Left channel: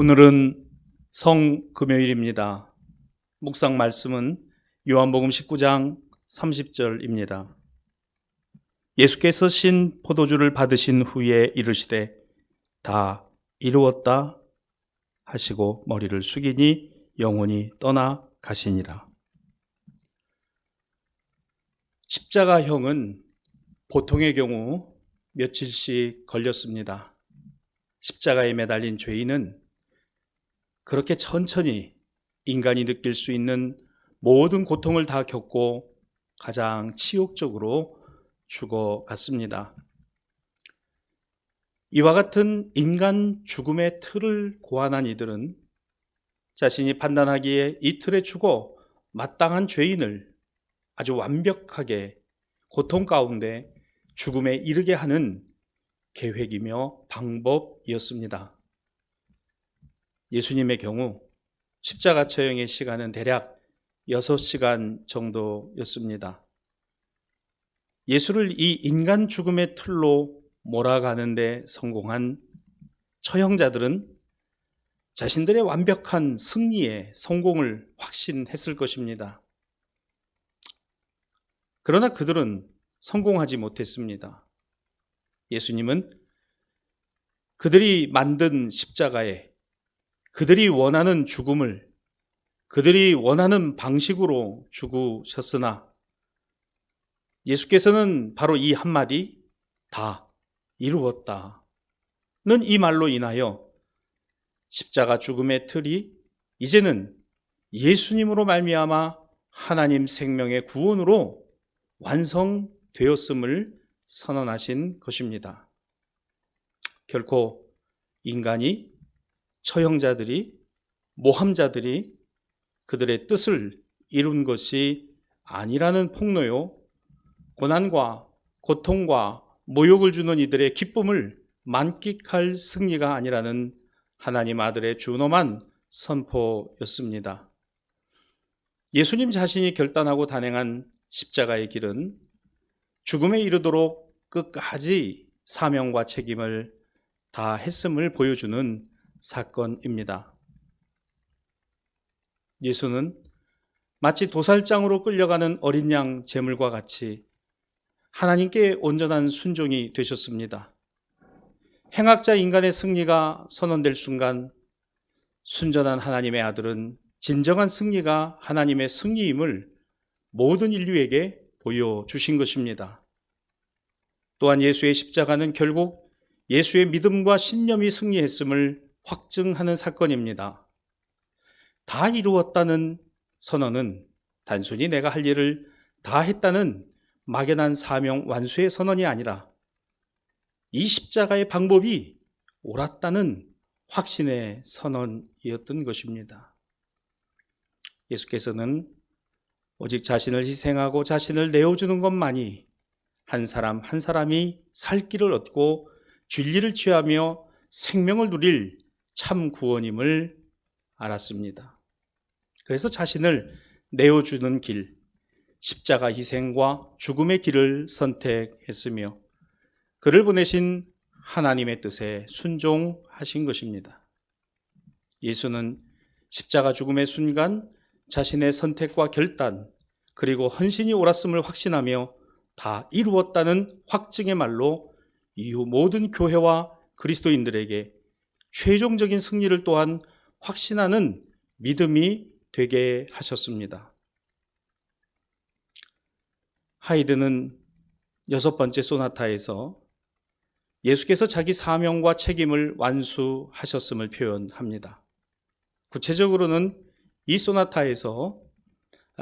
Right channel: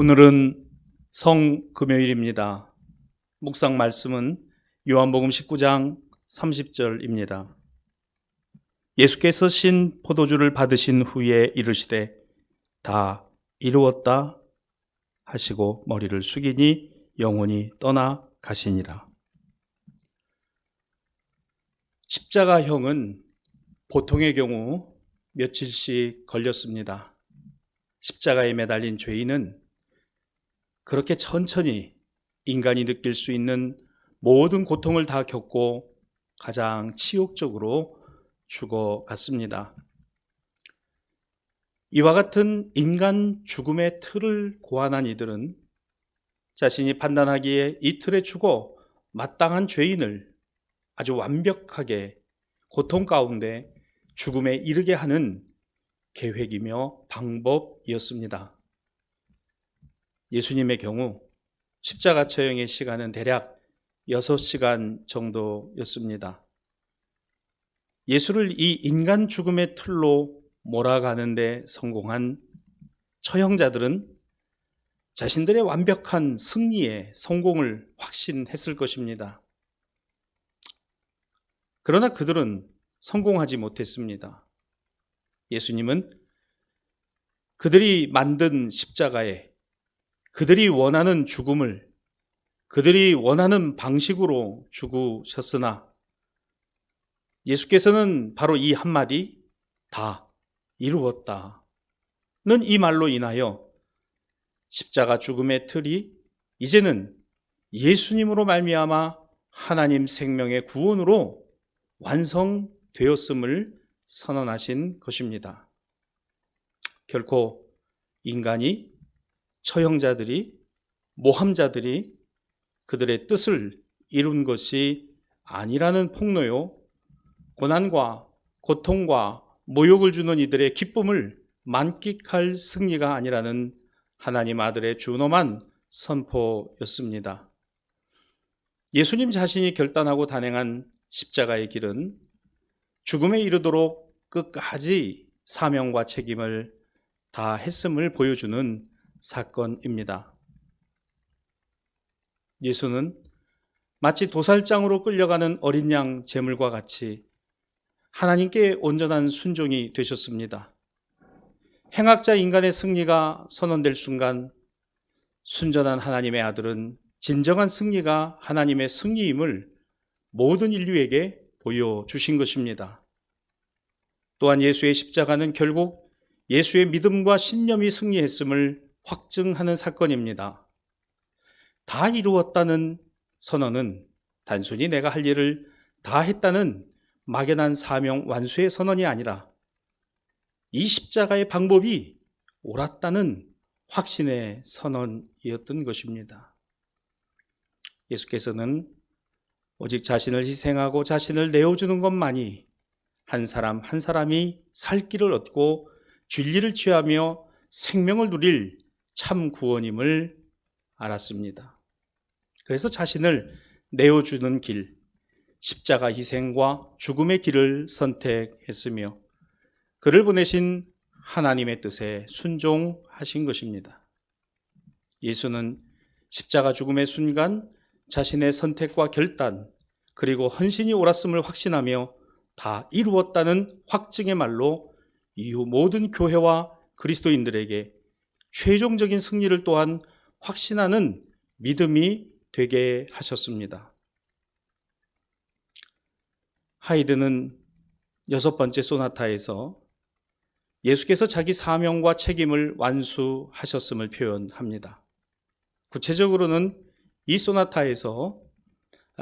오늘은 성금요일입니다. 묵상 말씀은 요한복음 19장 30절입니다. 예수께서 신 포도주를 받으신 후에 이르시되 다 이루었다 하시고 머리를 숙이니 영혼이 떠나 가시니라. 십자가형은 보통의 경우 며칠씩 걸렸습니다. 십자가에 매달린 죄인은 그렇게 천천히 인간이 느낄 수 있는 모든 고통을 다 겪고 가장 치욕적으로 죽어갔습니다. 이와 같은 인간 죽음의 틀을 고안한 이들은 자신이 판단하기에 이 틀에 죽어 마땅한 죄인을 아주 완벽하게 고통 가운데 죽음에 이르게 하는 계획이며 방법이었습니다. 예수님의 경우 십자가 처형의 시간은 대략 6시간 정도였습니다. 예수를 이 인간 죽음의 틀로 몰아가는 데 성공한 처형자들은 자신들의 완벽한 승리에 성공을 확신했을 것입니다. 그러나 그들은 성공하지 못했습니다. 예수님은 그들이 만든 십자가에 그들이 원하는 죽음을 그들이 원하는 방식으로 죽으셨으나 예수께서는 바로 이 한마디 다 이루었다는 이 말로 인하여 십자가 죽음의 틀이 이제는 예수님으로 말미암아 하나님 생명의 구원으로 완성되었음을 선언하신 것입니다. 결코 인간이 처형자들이 모함자들이 그들의 뜻을 이룬 것이 아니라는 폭로요, 고난과 고통과 모욕을 주는 이들의 기쁨을 만끽할 승리가 아니라는 하나님 아들의 준엄한 선포였습니다. 예수님 자신이 결단하고 단행한 십자가의 길은 죽음에 이르도록 끝까지 사명과 책임을 다 했음을 보여주는 사건입니다. 예수는 마치 도살장으로 끌려가는 어린 양 제물과 같이 하나님께 온전한 순종이 되셨습니다. 행악자 인간의 승리가 선언될 순간 순전한 하나님의 아들은 진정한 승리가 하나님의 승리임을 모든 인류에게 보여주신 것입니다. 또한 예수의 십자가는 결국 예수의 믿음과 신념이 승리했음을 확증하는 사건입니다. 다 이루었다는 선언은 단순히 내가 할 일을 다 했다는 막연한 사명 완수의 선언이 아니라 이 십자가의 방법이 옳았다는 확신의 선언이었던 것입니다. 예수께서는 오직 자신을 희생하고 자신을 내어주는 것만이 한 사람 한 사람이 살 길을 얻고 진리를 취하며 생명을 누릴 참 구원임을 알았습니다. 그래서 자신을 내어주는 길, 십자가 희생과 죽음의 길을 선택했으며 그를 보내신 하나님의 뜻에 순종하신 것입니다. 예수는 십자가 죽음의 순간 자신의 선택과 결단 그리고 헌신이 옳았음을 확신하며 다 이루었다는 확증의 말로 이후 모든 교회와 그리스도인들에게 최종적인 승리를 또한 확신하는 믿음이 되게 하셨습니다. 하이드는 6번째 소나타에서 예수께서 자기 사명과 책임을 완수하셨음을 표현합니다. 구체적으로는 이 소나타에서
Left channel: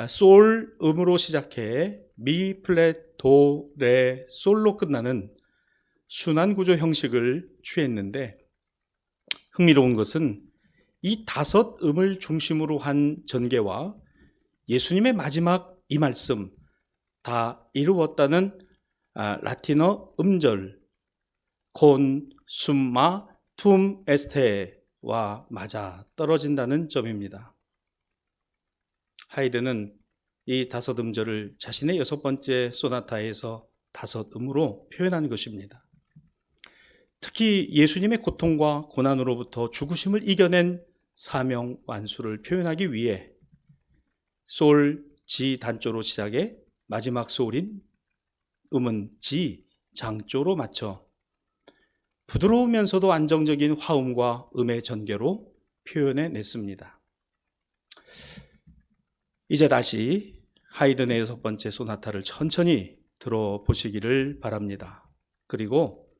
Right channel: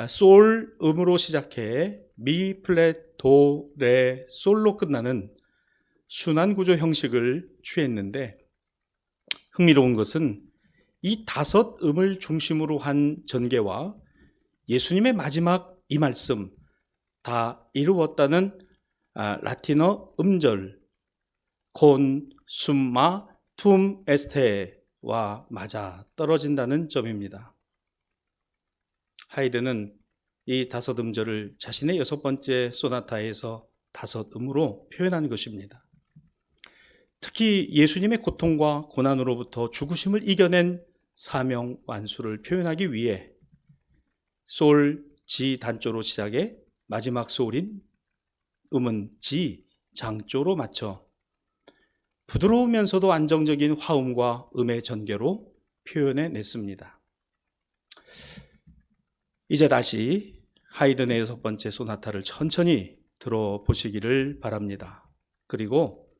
솔 음으로 시작해 미, 플랫, 도, 레, 솔로 끝나는 순환 구조 형식을 취했는데 흥미로운 것은 이 5음을 중심으로 한 전개와 예수님의 마지막 이 말씀 다 이루었다는 라틴어 음절 콘, 숨마, 툼, 에스테와 맞아 떨어진다는 점입니다. 하이드는 이 5음절을 자신의 6번째 소나타에서 5음으로 표현한 것입니다. 특히 예수님의 고통과 고난으로부터 죽으심을 이겨낸 사명 완수를 표현하기 위해 솔, 지 단조로 시작해 마지막 소울인 음은 지, 장조로 맞춰 부드러우면서도 안정적인 화음과 음의 전개로 표현해 냈습니다. 이제 다시 하이든의 6번째 소나타를 천천히 들어보시기를 바랍니다. 그리고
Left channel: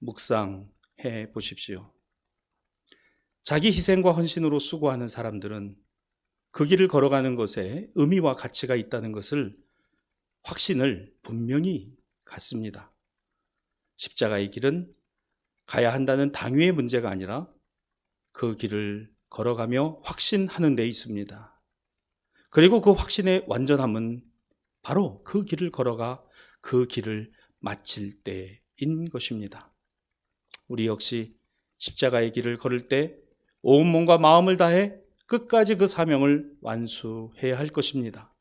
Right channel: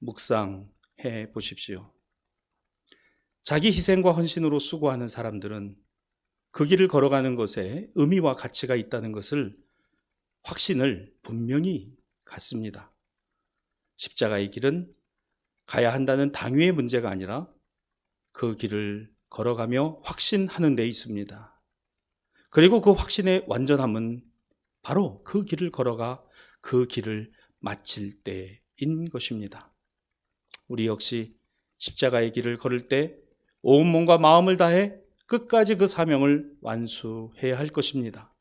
묵상해 보십시오. 자기 희생과 헌신으로 수고하는 사람들은 그 길을 걸어가는 것에 의미와 가치가 있다는 것을 확신을 분명히 갖습니다. 십자가의 길은 가야 한다는 당위의 문제가 아니라 그 길을 걸어가며 확신하는 데 있습니다. 그리고 그 확신의 완전함은 바로 그 길을 걸어가 그 길을 마칠 때인 것입니다. 우리 역시 십자가의 길을 걸을 때 온 몸과 마음을 다해 끝까지 그 사명을 완수해야 할 것입니다.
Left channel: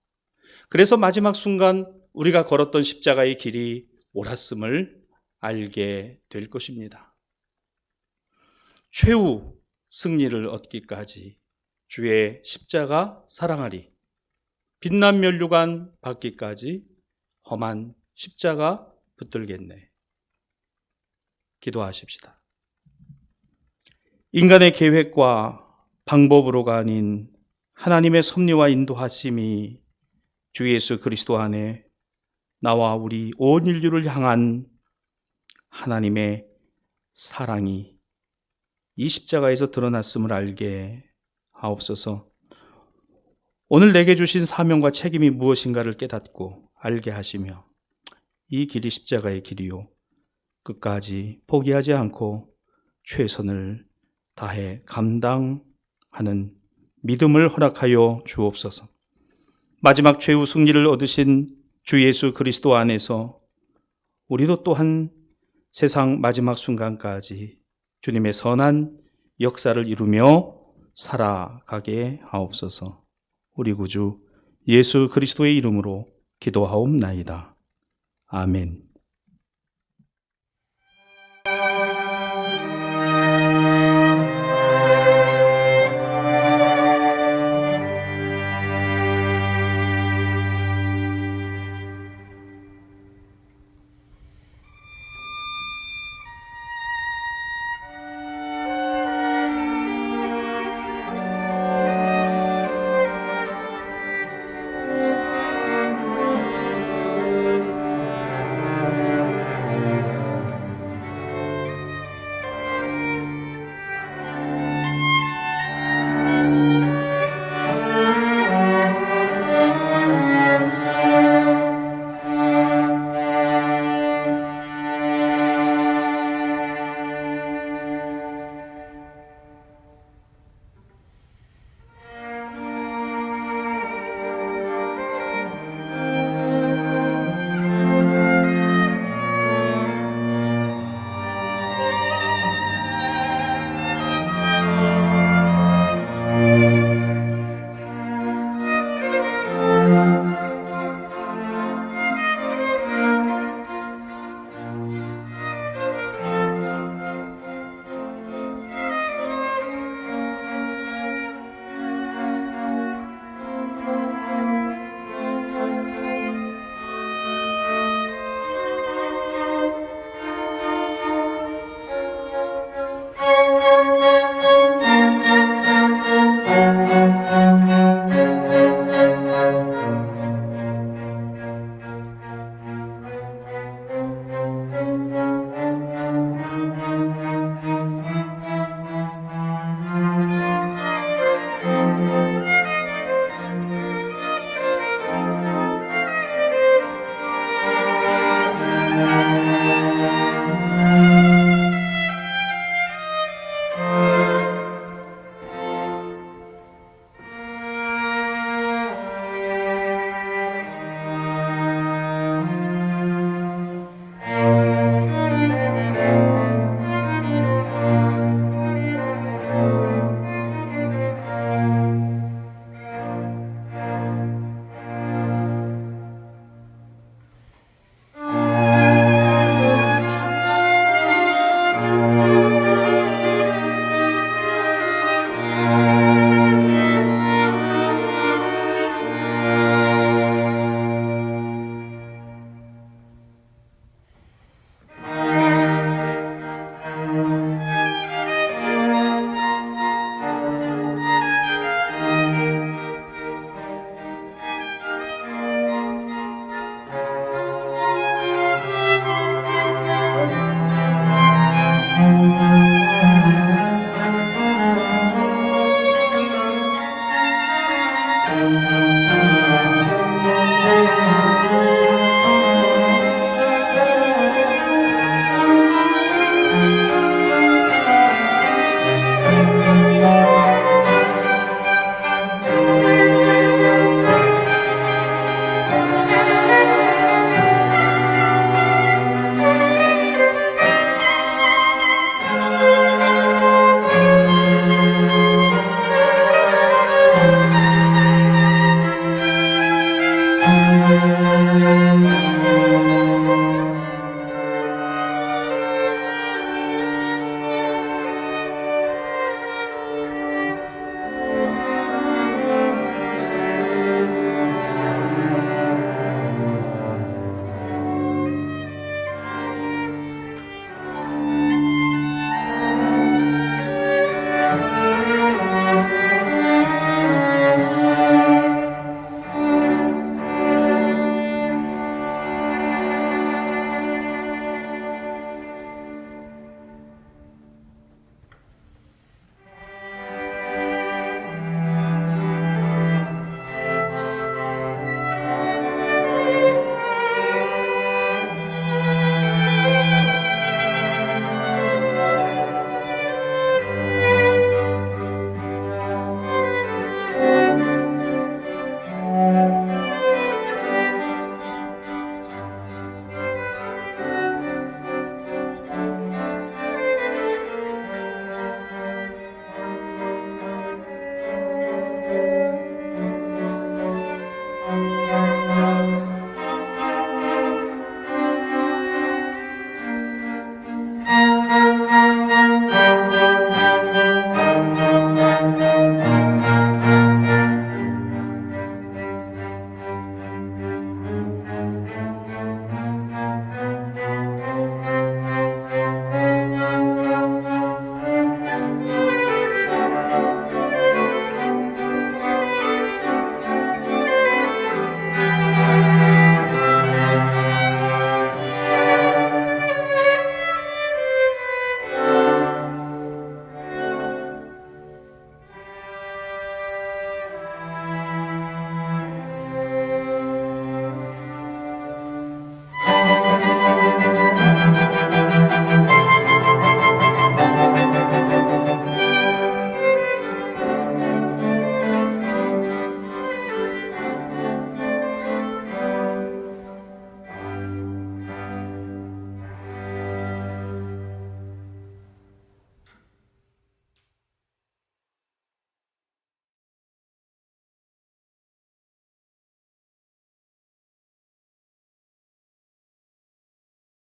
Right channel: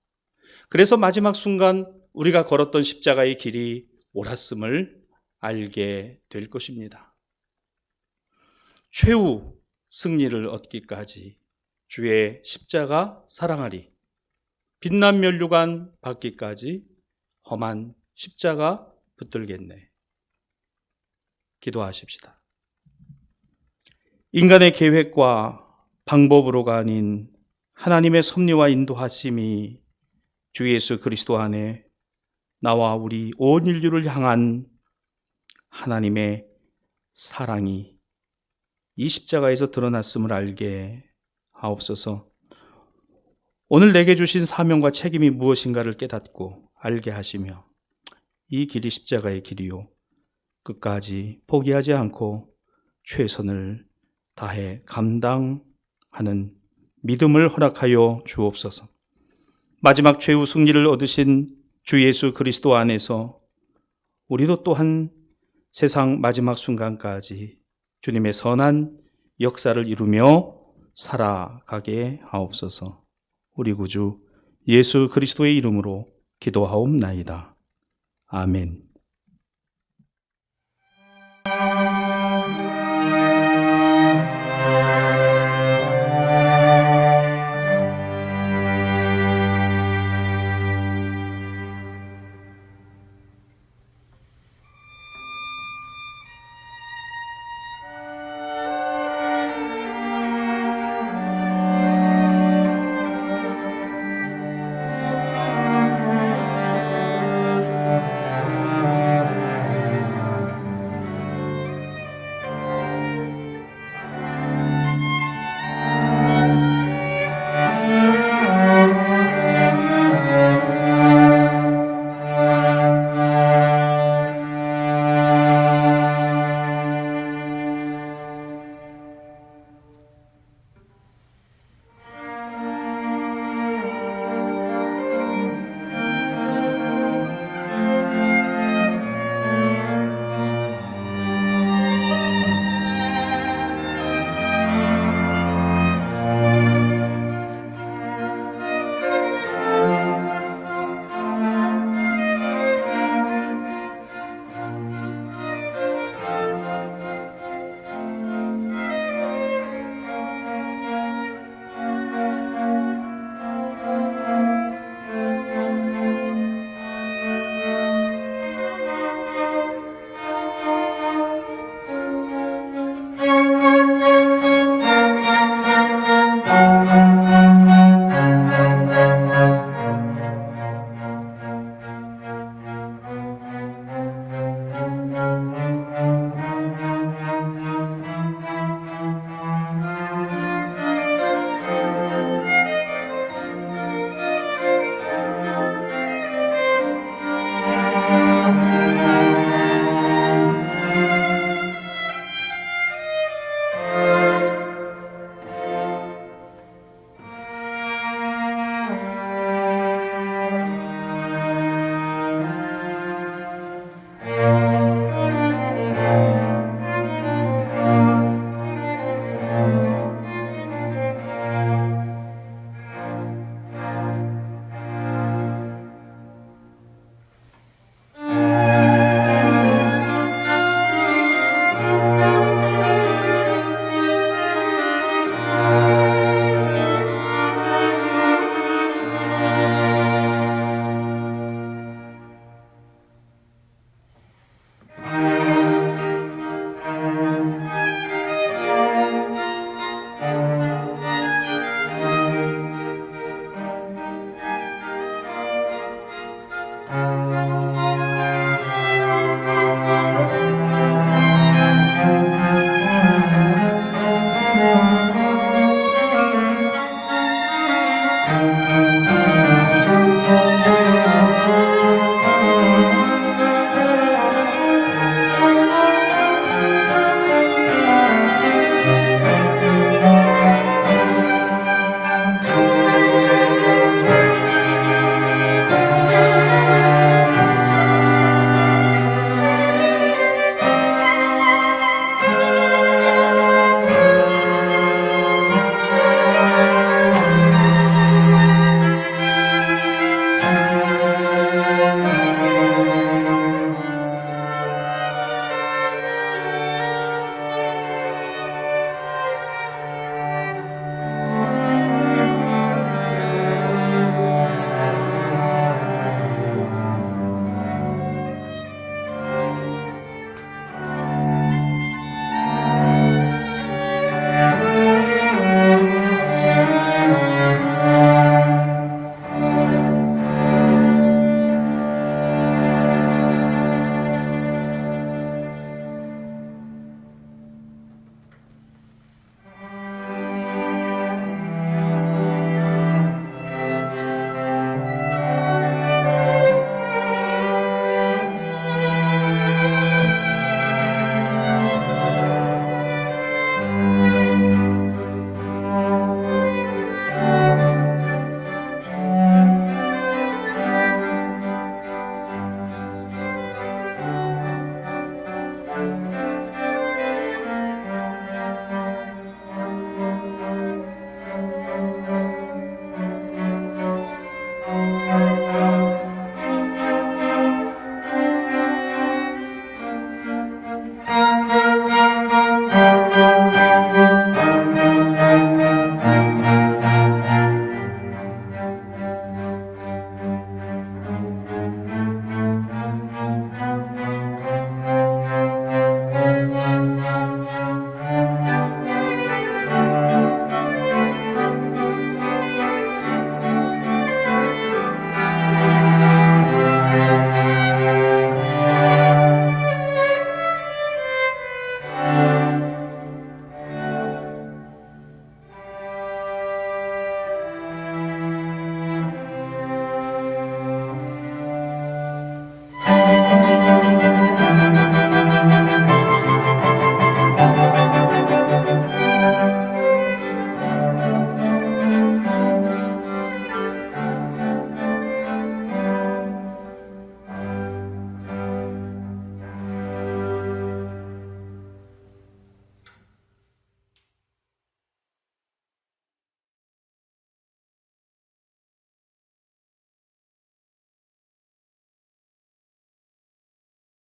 그래서 마지막 순간 우리가 걸었던 십자가의 길이 옳았음을 알게 될 것입니다. 최후 승리를 얻기까지 주의 십자가 사랑하리, 빛난 면류관 받기까지 험한 십자가 붙들겠네. 기도하십시다. 인간의 계획과 방법으로가 아닌 하나님의 섭리와 인도하심이 주 예수 그리스도 안에 나와 우리 온 인류를 향한 하나님의 사랑이 이 십자가에서 드러났음을 알게 하옵소서. 오늘 내게 주신 사명과 책임이 무엇인가를 깨닫고 알게 하시며 이 길이 십자가의 길이요, 끝까지 포기하지 않고 최선을 다해 감당하는 믿음을 허락하여 주옵소서. 마지막 최후 승리를 얻으신 주 예수 그리스도 안에서 우리도 또한 세상 마지막 순간까지 주님의 선한 역사를 이루며 살아가게 하옵소서. 우리 구주 예수 그리스도의 이름으로 기도하옵나이다. 아멘.